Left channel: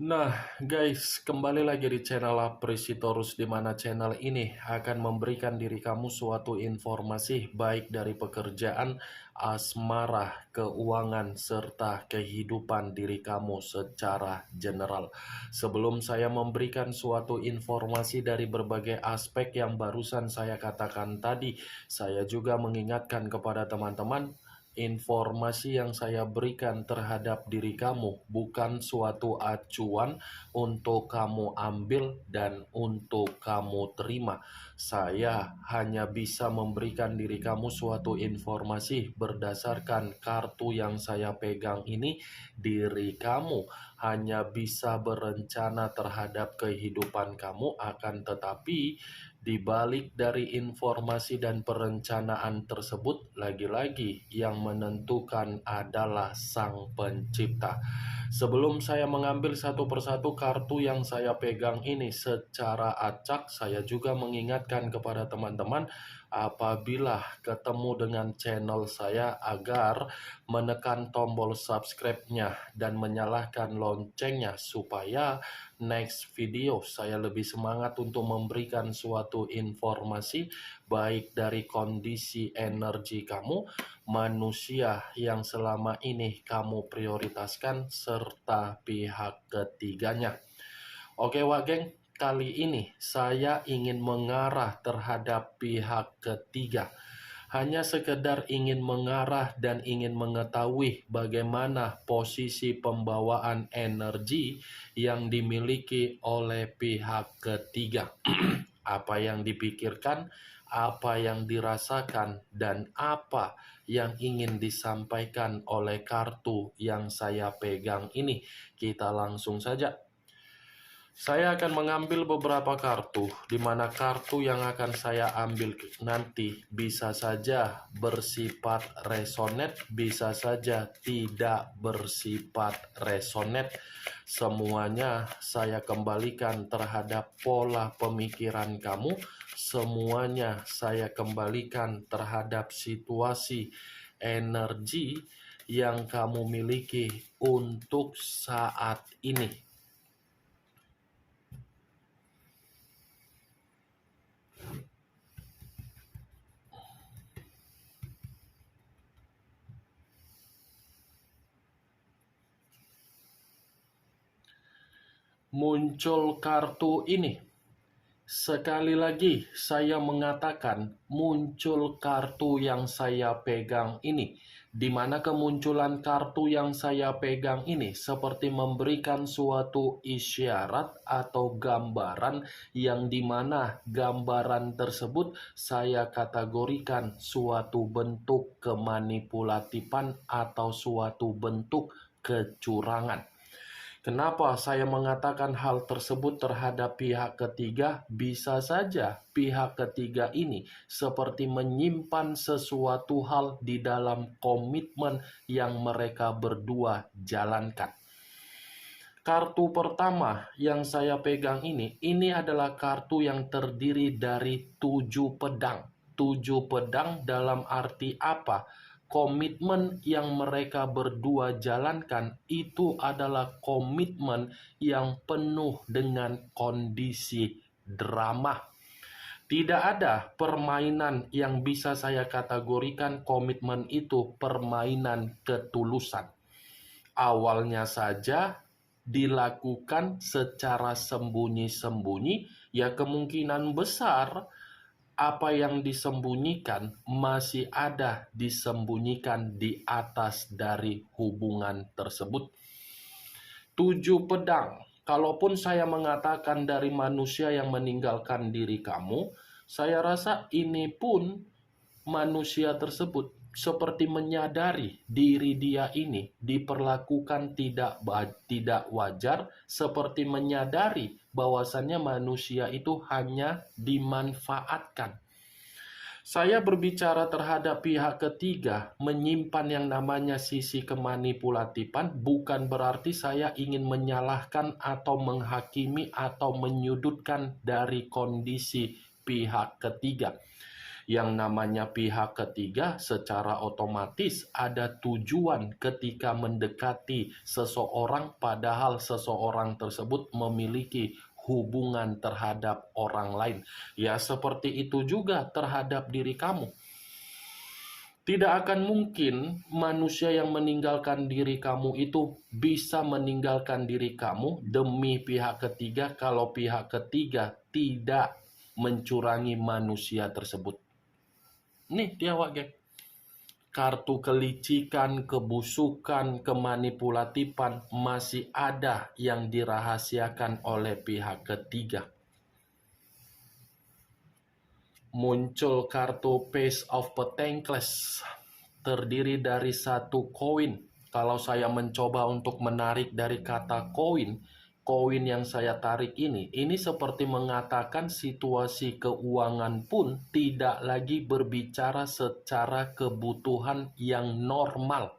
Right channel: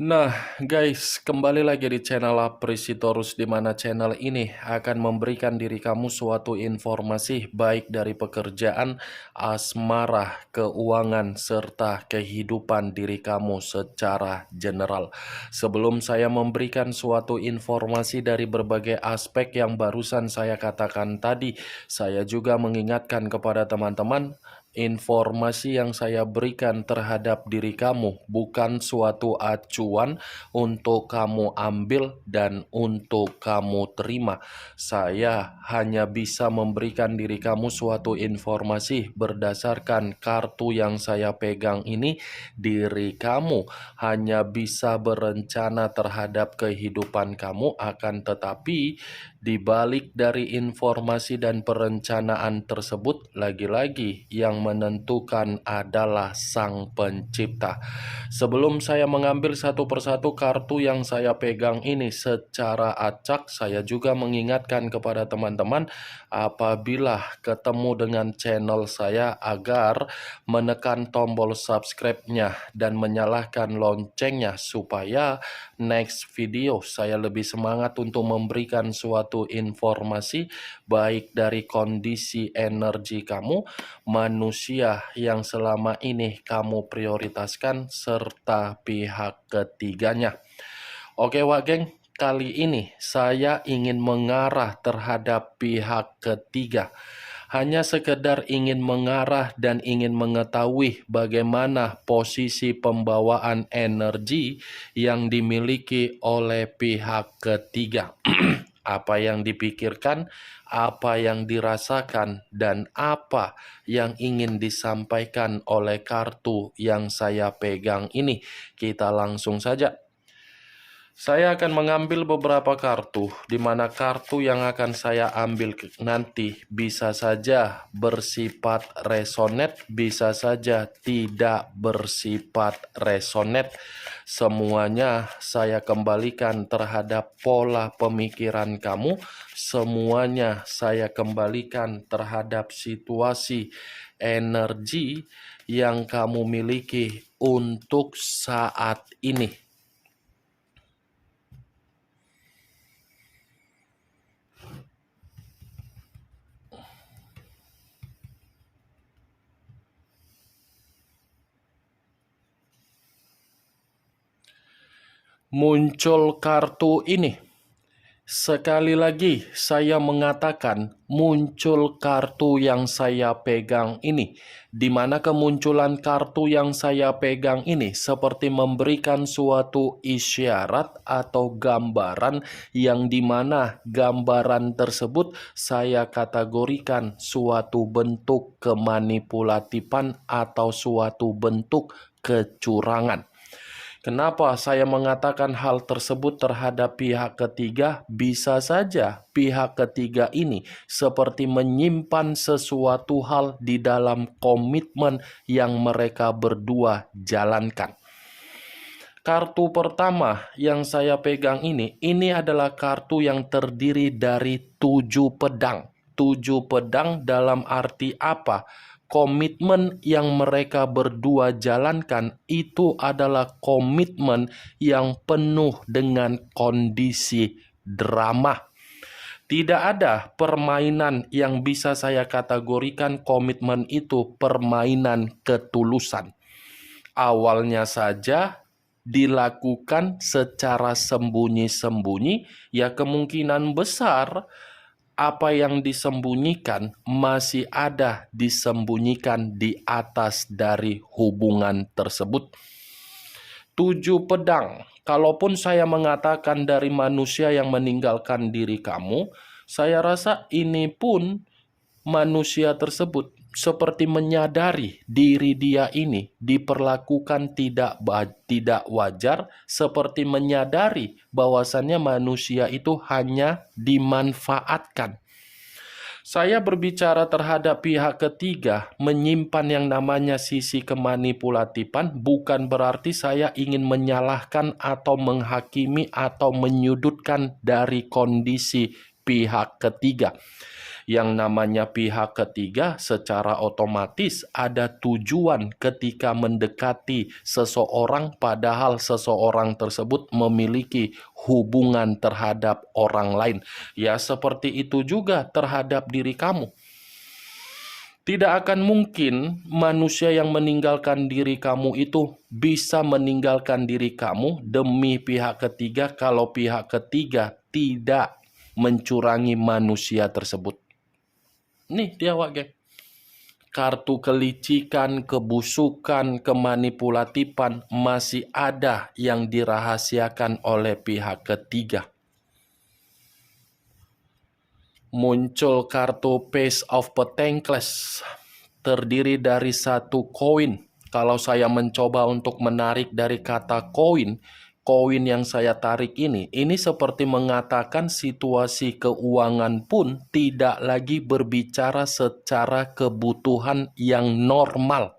Nah, guys, kembali lagi di channel Apresitorus, di mana channel ini akan memberikan diri kamu suatu informasi baik dari pekerjaan, asmara, keuangan, serta kehidupan diri kamu secara general. Sebelum saya memberikan suatu informasi dari berbagai aspek yang barusan saya katakan tadi, saya juga mengingatkan kepada teman-teman, informasi yang saya berikan terhadap diri kamu bukan suatu acuan untuk kamu ambil dan untuk kamu terima. Saya hanya bisa memberikan diri kamu suatu informasi berdasarkan kartu yang saya pegang ini. Diri kamu hanya bisa berencana terhadap kehidupan kamu, akan tetapi di balik dari informasi dan perencanaan tersebut, lagi-lagi yang menentukan adalah Sang Pencipta. Sebelum saya mengambil satu persatu kartu yang saya pegang ini secara acak, saya juga mengingatkan kepada teman-teman apabila ketemu dengan channel saya agar menekan tombol subscribe-nya dan menyalakan loncengnya supaya next video saya lebih semangat untuk memberikan suatu informasi baik dari kondisi energi kamu, manusia yang selama ini kamu prioritaskan, serta pihak ketiganya. Oke Wak Geng, kali ini saya ingin mengarah terhadap pihak ketiga. Hanya sekedar ingin mengarah dan ingin mengetahui bagaimana posisi pembawaan energi yang dimiliki oleh pihak ketiga. Apa yang dipikirkan, apa yang dirasakan, dan apa yang ingin disampaikan oleh kartu yang saya pegang ini. Kita langsung saja. Saya akan mengambil beberapa kartu, di mana kartu yang akan saya ambil nanti bisa saja bersifat resonate, bisa saja tidak bersifat resonate. Semuanya saya kembalikan terhadap pola pemikiran kamu, semuanya saya kembalikan terhadap situasi energi yang kamu miliki untuk saat ini. Muncul kartu ini. Sekali lagi saya mengatakan muncul kartu yang saya pegang ini, di mana kemunculan kartu yang saya pegang ini seperti memberikan suatu isyarat atau gambaran yang dimana gambaran tersebut saya kategorikan suatu bentuk kemanipulatifan atau suatu bentuk kecurangan. Kenapa saya mengatakan hal tersebut terhadap pihak ketiga? Bisa saja pihak ketiga ini seperti menyimpan sesuatu hal di dalam komitmen yang mereka berdua jalankan. Kartu pertama yang saya pegang ini adalah kartu yang terdiri dari 7 pedang. 7 pedang dalam arti apa? Komitmen yang mereka berdua jalankan itu adalah komitmen yang penuh dengan kondisi drama. Tidak ada permainan yang bisa saya kategorikan komitmen itu permainan ketulusan. Awalnya saja dilakukan secara sembunyi-sembunyi, ya kemungkinan besar apa yang disembunyikan masih ada disembunyikan di atas dari hubungan tersebut. 7 pedang. Kalaupun saya mengatakan dari manusia yang meninggalkan diri kamu, saya rasa ini pun manusia tersebut seperti menyadari diri dia ini diperlakukan tidak wajar, seperti menyadari bahwasannya manusia itu hanya dimanfaatkan. Saya berbicara terhadap pihak ketiga, menyimpan yang namanya sisi kemanipulatifan, bukan berarti saya ingin menyalahkan atau menghakimi atau menyudutkan dari kondisi pihak ketiga. Yang namanya pihak ketiga secara otomatis ada tujuan ketika mendekati seseorang, padahal seseorang tersebut memiliki hubungan terhadap orang lain. Ya, seperti itu juga terhadap diri kamu. Tidak akan mungkin manusia yang meninggalkan diri kamu itu bisa meninggalkan diri kamu demi pihak ketiga kalau pihak ketiga tidak mencurangi manusia tersebut. Nih dia geng. Kartu kelicikan, kebusukan, kemanipulatifan masih ada yang dirahasiakan oleh pihak ketiga. Muncul kartu Page of Pentacles, terdiri dari satu koin. Kalau saya mencoba untuk menarik dari kata koin, koin yang saya tarik ini seperti mengatakan situasi keuangan pun tidak lagi berbicara secara kebutuhan yang normal.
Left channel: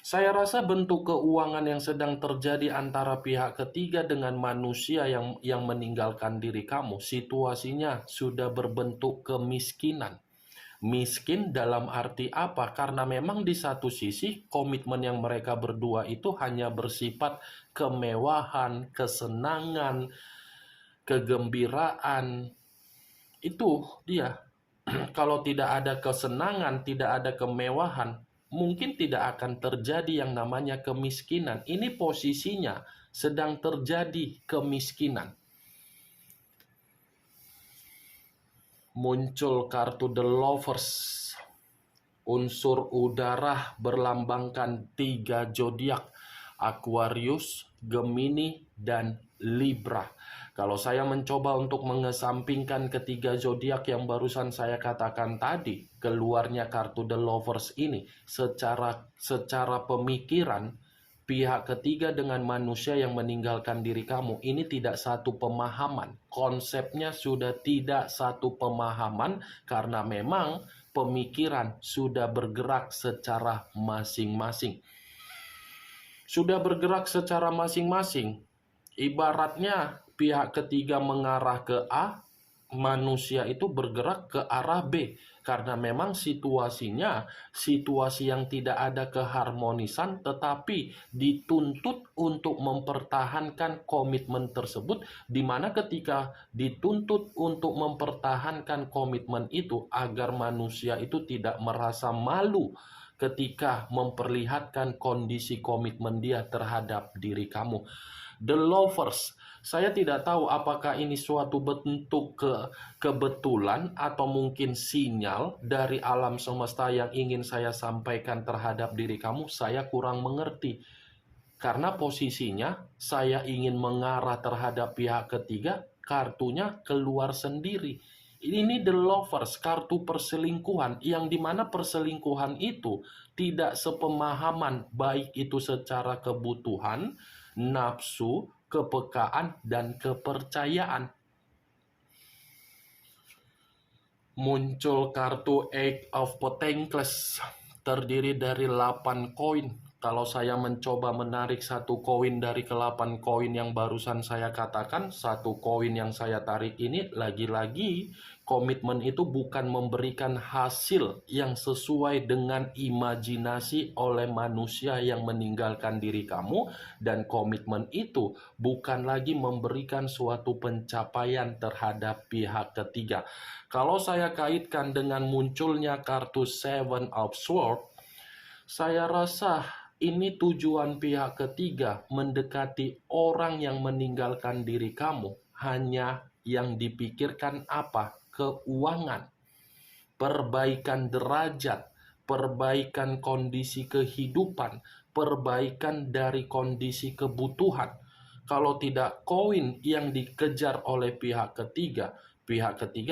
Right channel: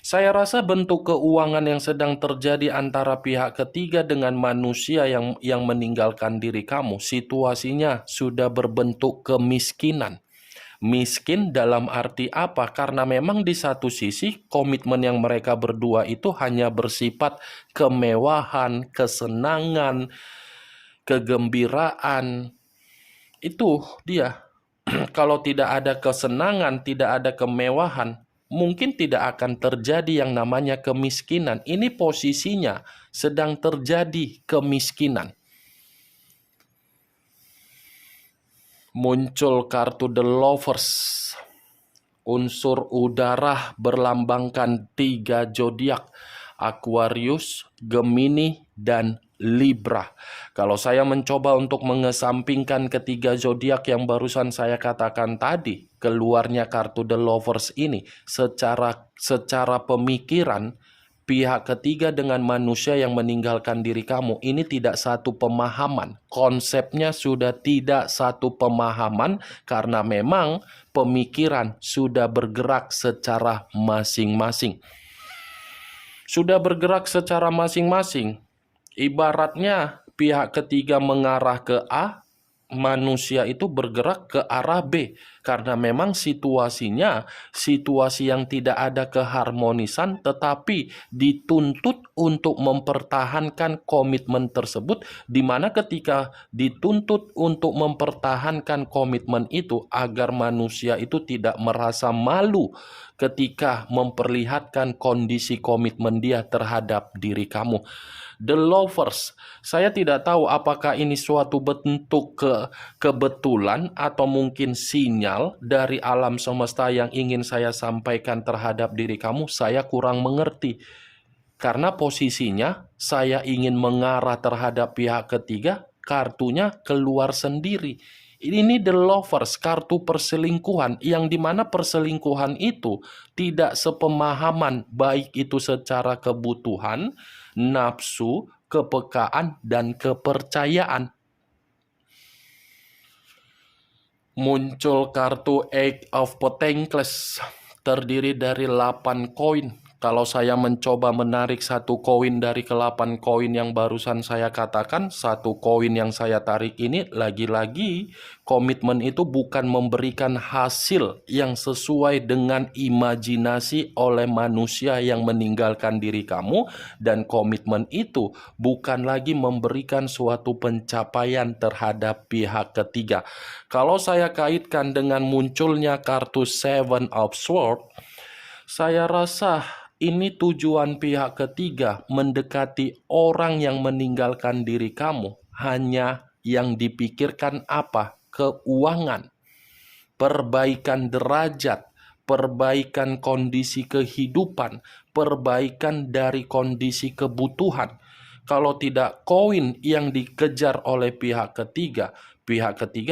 Saya rasa bentuk keuangan yang sedang terjadi antara pihak ketiga dengan manusia yang meninggalkan diri kamu, situasinya sudah berbentuk kemiskinan. Miskin dalam arti apa? Karena memang di satu sisi komitmen yang mereka berdua itu hanya bersifat kemewahan, kesenangan, kegembiraan. Itu dia. Kalau tidak ada kesenangan, tidak ada kemewahan, mungkin tidak akan terjadi yang namanya kemiskinan. Ini posisinya sedang terjadi kemiskinan. Muncul kartu The Lovers. Unsur udara berlambangkan 3 zodiak: Aquarius, Gemini, dan Libra. Kalau saya mencoba untuk mengesampingkan ketiga zodiak yang barusan saya katakan tadi, keluarnya kartu The Lovers ini secara pemikiran pihak ketiga dengan manusia yang meninggalkan diri kamu ini tidak satu pemahaman. Konsepnya sudah tidak satu pemahaman karena memang pemikiran sudah bergerak secara masing-masing. Sudah bergerak secara masing-masing. Ibaratnya pihak ketiga mengarah ke A, manusia itu bergerak ke arah B. Karena memang situasinya situasi yang tidak ada keharmonisan, tetapi dituntut untuk mempertahankan komitmen tersebut, di mana ketika dituntut untuk mempertahankan komitmen itu agar manusia itu tidak merasa malu ketika memperlihatkan kondisi komitmen dia terhadap diri kamu. The Lovers, saya tidak tahu apakah ini suatu bentuk kebetulan atau mungkin sinyal dari alam semesta yang ingin saya sampaikan terhadap diri kamu. Saya kurang mengerti. Karena posisinya saya ingin mengarah terhadap pihak ketiga, kartunya keluar sendiri. Ini The Lovers, kartu perselingkuhan, yang dimana perselingkuhan itu tidak sepemahaman, baik itu secara kebutuhan, nafsu, kepekaan, dan kepercayaan. Muncul kartu Eight of Pentacles, terdiri dari 8 koin. Kalau saya mencoba menarik satu koin dari ke-8 koin yang barusan saya katakan, satu koin yang saya tarik ini lagi-lagi komitmen itu bukan memberikan hasil yang sesuai dengan imajinasi oleh manusia yang meninggalkan diri kamu, dan komitmen itu bukan lagi memberikan suatu pencapaian terhadap pihak ketiga. Kalau saya kaitkan dengan munculnya kartu Seven of Swords, saya rasa ini tujuan pihak ketiga mendekati orang yang meninggalkan diri kamu. Hanya yang dipikirkan apa? Keuangan, perbaikan derajat, perbaikan kondisi kehidupan, perbaikan dari kondisi kebutuhan. Kalau tidak koin yang dikejar oleh pihak ketiga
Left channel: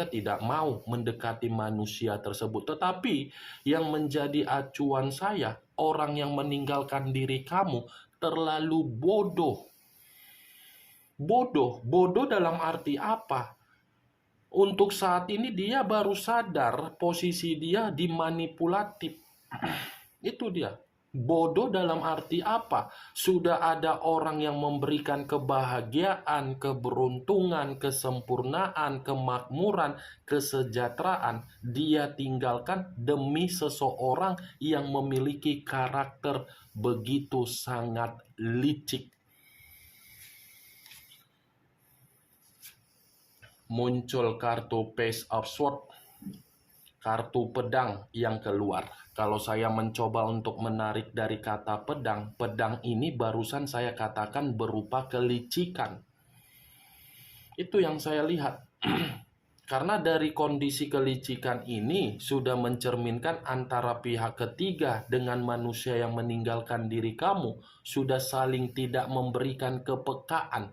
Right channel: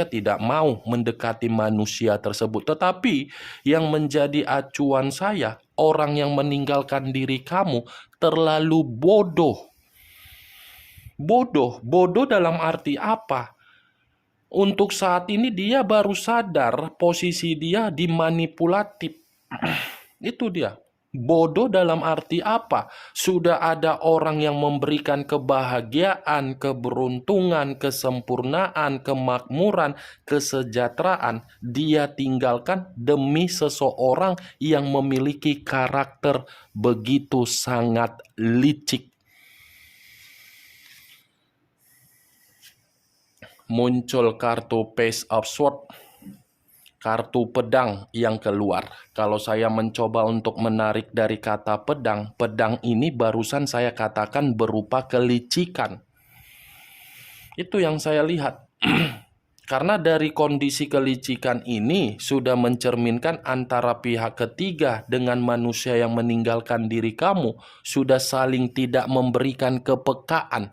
tidak mau mendekati manusia tersebut. Tetapi yang menjadi acuan saya, orang yang meninggalkan diri kamu terlalu bodoh. Bodoh dalam arti apa? Untuk saat ini dia baru sadar posisi dia dimanipulatif. Itu dia. Bodoh dalam arti apa? Sudah ada orang yang memberikan kebahagiaan, keberuntungan, kesempurnaan, kemakmuran, kesejahteraan. Dia tinggalkan demi seseorang yang memiliki karakter begitu sangat licik. Muncul kartu Page of Swords, kartu pedang yang keluar. Kalau saya mencoba untuk menarik dari kata pedang, pedang ini barusan saya katakan berupa kelicikan. Itu yang saya lihat. Karena dari kondisi kelicikan ini sudah mencerminkan antara pihak ketiga dengan manusia yang meninggalkan diri kamu sudah saling tidak memberikan kepekaan.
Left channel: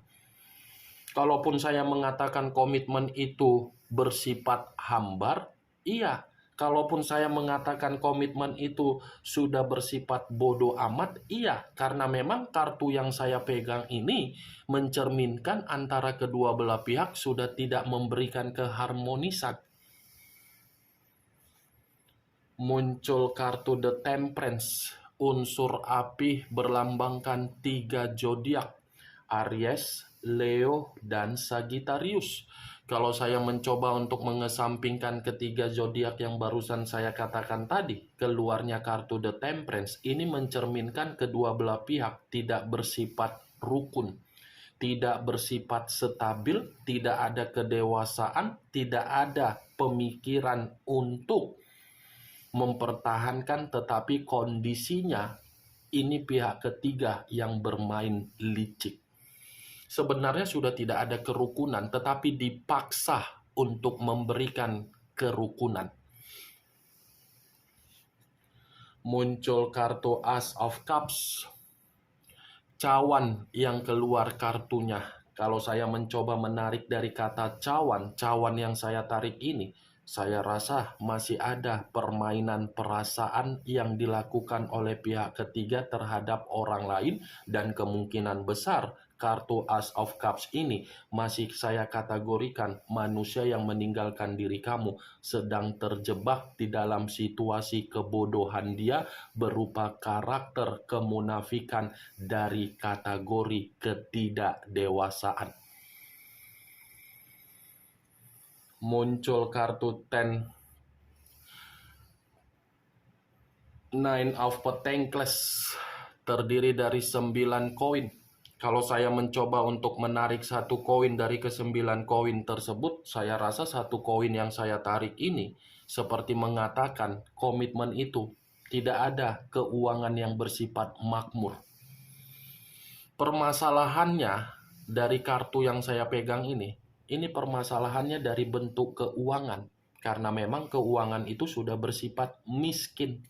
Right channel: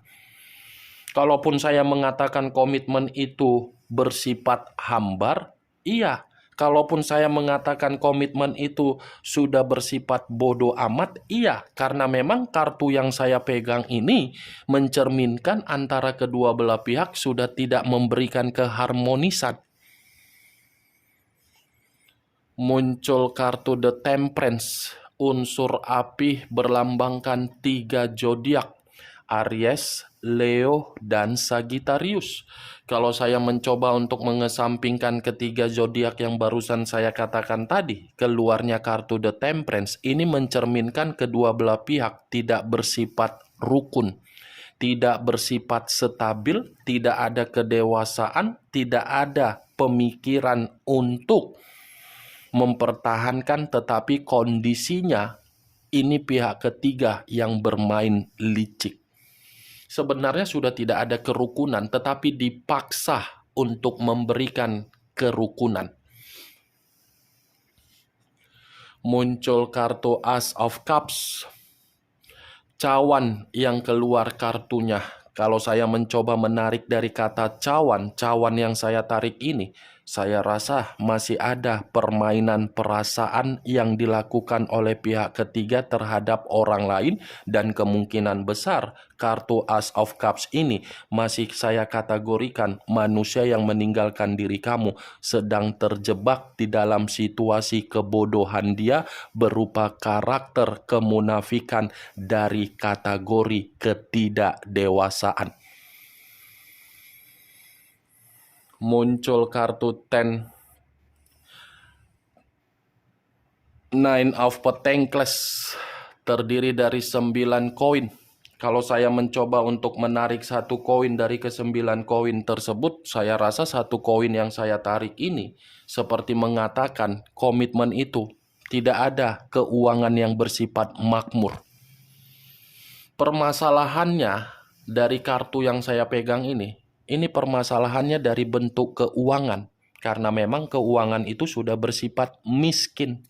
Kalaupun saya mengatakan komitmen itu bersifat hambar, iya. Kalaupun saya mengatakan komitmen itu sudah bersifat bodoh amat, iya. Karena memang kartu yang saya pegang ini mencerminkan antara kedua belah pihak sudah tidak memberikan keharmonisan. Muncul kartu The Temperance, unsur api berlambangkan 3 zodiak, Aries, Leo, dan Sagittarius. Kalau saya mencoba untuk mengesampingkan ketiga zodiak yang barusan saya katakan tadi, keluarnya kartu The Temperance ini mencerminkan kedua belah pihak tidak bersifat rukun, tidak bersifat stabil, tidak ada kedewasaan, tidak ada pemikiran untuk mempertahankan, tetapi kondisinya ini pihak ketiga yang bermain licik. Sebenarnya sudah tidak ada kerukunan, tetapi dipaksa untuk memberikan kerukunan. Muncul kartu Ace of Cups, cawan yang keluar kartunya. Kalau saya mencoba menarik dari kata cawan, cawan yang saya tarik ini, saya rasa masih ada permainan perasaan yang dilakukan oleh pihak ketiga terhadap orang lain, dan kemungkinan besar kartu Ace of Cups ini masih saya kategorikan manusia yang meninggalkan diri kamu sedang terjebak di dalam situasi kebodohan dia berupa karakter kemunafikan dari kategori ketidakdewasaan. Muncul kartu Nine of Pentacles, terdiri dari 9 koin. Kalau saya mencoba untuk menarik satu koin dari ke-9 koin tersebut, saya rasa satu koin yang saya tarik ini seperti mengatakan komitmen itu tidak ada keuangan yang bersifat makmur. Permasalahannya dari kartu yang saya pegang ini permasalahannya dari bentuk keuangan. Karena memang keuangan itu sudah bersifat miskin.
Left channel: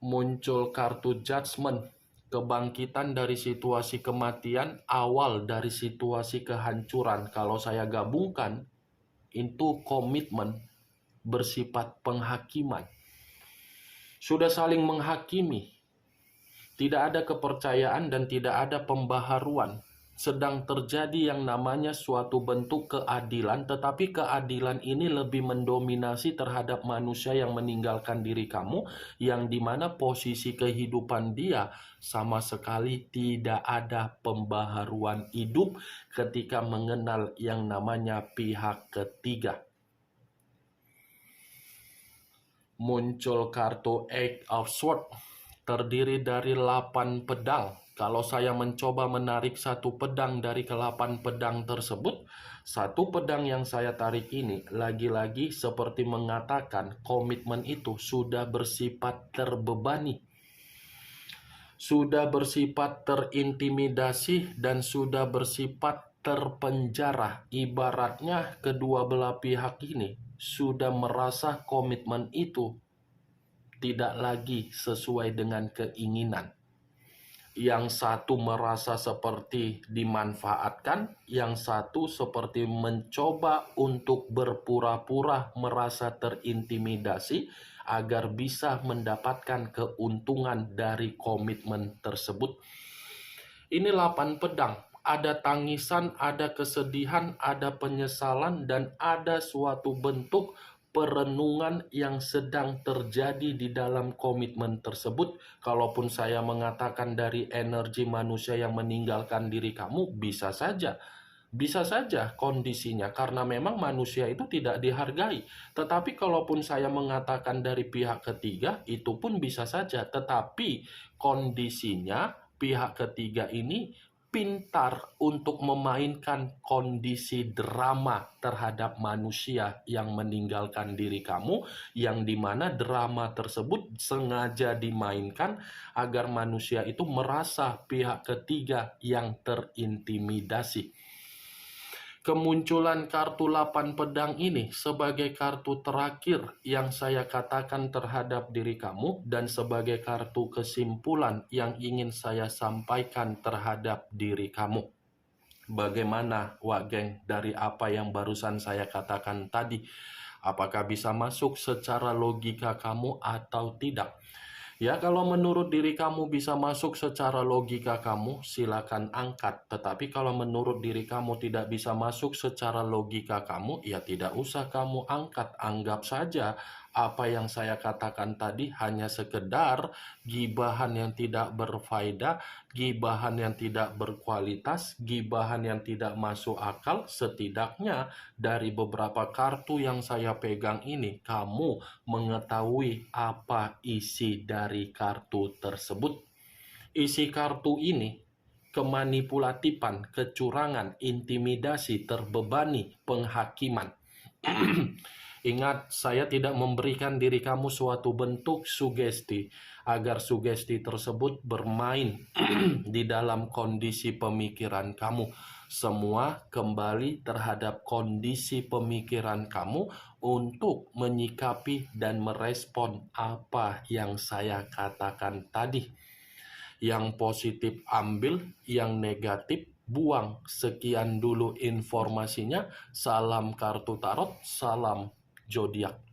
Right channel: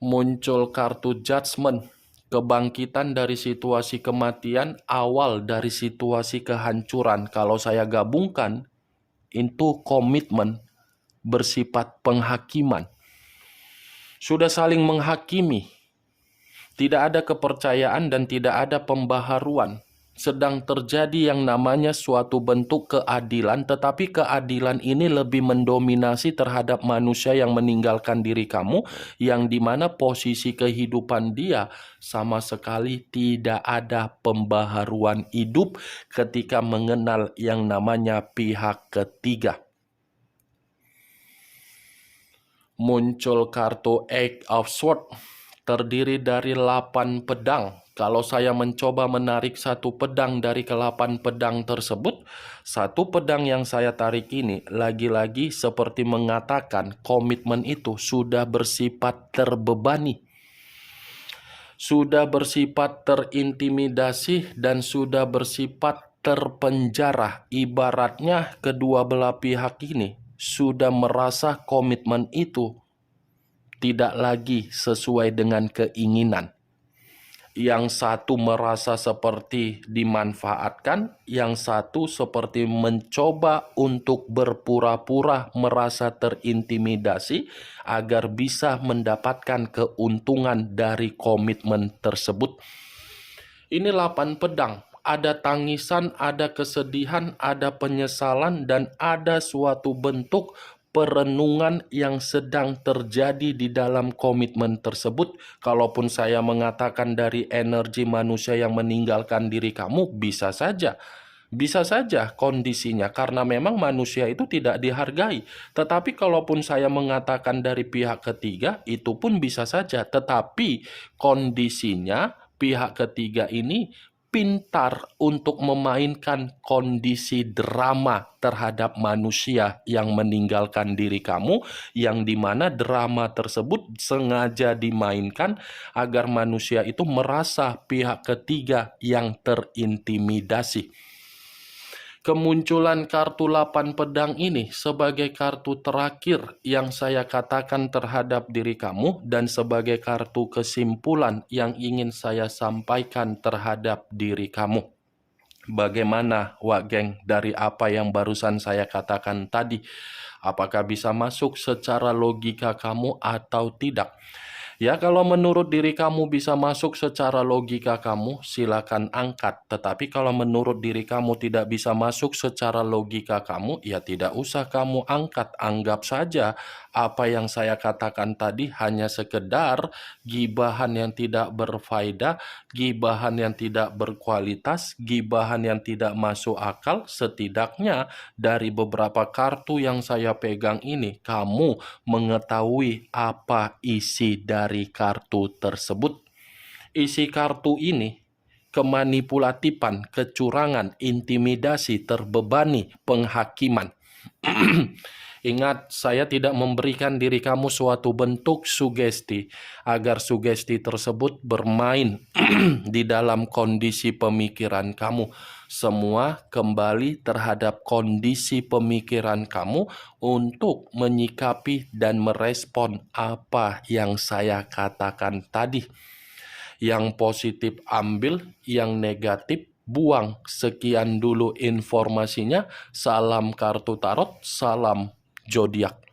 Muncul kartu Judgment, kebangkitan dari situasi kematian, awal dari situasi kehancuran. Kalau saya gabungkan, itu komitmen bersifat penghakiman. Sudah saling menghakimi, tidak ada kepercayaan dan tidak ada pembaharuan. Sedang terjadi yang namanya suatu bentuk keadilan, tetapi keadilan ini lebih mendominasi terhadap manusia yang meninggalkan diri kamu, yang dimana posisi kehidupan dia sama sekali tidak ada pembaharuan hidup ketika mengenal yang namanya pihak ketiga. Muncul kartu Eight of Swords, terdiri dari 8 pedang. Kalau saya mencoba menarik satu pedang dari ke-8 pedang tersebut, satu pedang yang saya tarik ini lagi-lagi seperti mengatakan komitmen itu sudah bersifat terbebani, sudah bersifat terintimidasi, dan sudah bersifat terpenjara. Ibaratnya kedua belah pihak ini sudah merasa komitmen itu tidak lagi sesuai dengan keinginan. Yang satu merasa seperti dimanfaatkan, yang satu seperti mencoba untuk berpura-pura merasa terintimidasi agar bisa mendapatkan keuntungan dari komitmen tersebut. Ini 8 pedang. Ada tangisan, ada kesedihan, ada penyesalan, dan ada suatu bentuk perenungan yang sedang terjadi di dalam komitmen tersebut. Kalaupun saya mengatakan dari energi manusia yang meninggalkan diri kamu, bisa saja kondisinya karena memang manusia itu tidak dihargai. Tetapi kalaupun saya mengatakan dari pihak ketiga, itu pun bisa saja. Tetapi kondisinya pihak ketiga ini pintar untuk memainkan kondisi drama terhadap manusia yang meninggalkan diri kamu, yang dimana drama tersebut sengaja dimainkan agar manusia itu merasa pihak ketiga yang terintimidasi. Kemunculan kartu 8 pedang ini sebagai kartu terakhir yang saya katakan terhadap diri kamu dan sebagai kartu kesimpulan yang ingin saya sampaikan terhadap diri kamu. Bagaimana, Wak Geng, dari apa yang barusan saya katakan tadi? Apakah bisa masuk secara logika kamu atau tidak? Ya, kalau menurut diri kamu bisa masuk secara logika kamu, silakan angkat. Tetapi kalau menurut diri kamu tidak bisa masuk secara logika kamu, ya tidak usah kamu angkat. Anggap saja apa yang saya katakan tadi hanya sekedar gibahan yang tidak berfaedah, gibahan yang tidak berkualitas, gibahan yang tidak masuk akal. Setidaknya dari beberapa kartu yang saya pegang ini, kamu mengetahui apa isi dari kartu tersebut. Isi kartu ini kemanipulatifan, kecurangan, intimidasi, terbebani, penghakiman. Ingat, saya tidak memberikan diri kamu suatu bentuk sugesti agar sugesti tersebut bermain di dalam kondisi pemikiran kamu. Semua kembali terhadap kondisi pemikiran kamu untuk menyikapi dan merespon apa yang saya katakan tadi. Yang positif ambil, yang negatif buang. Sekian dulu informasinya. Salam kartu tarot, salam zodiak.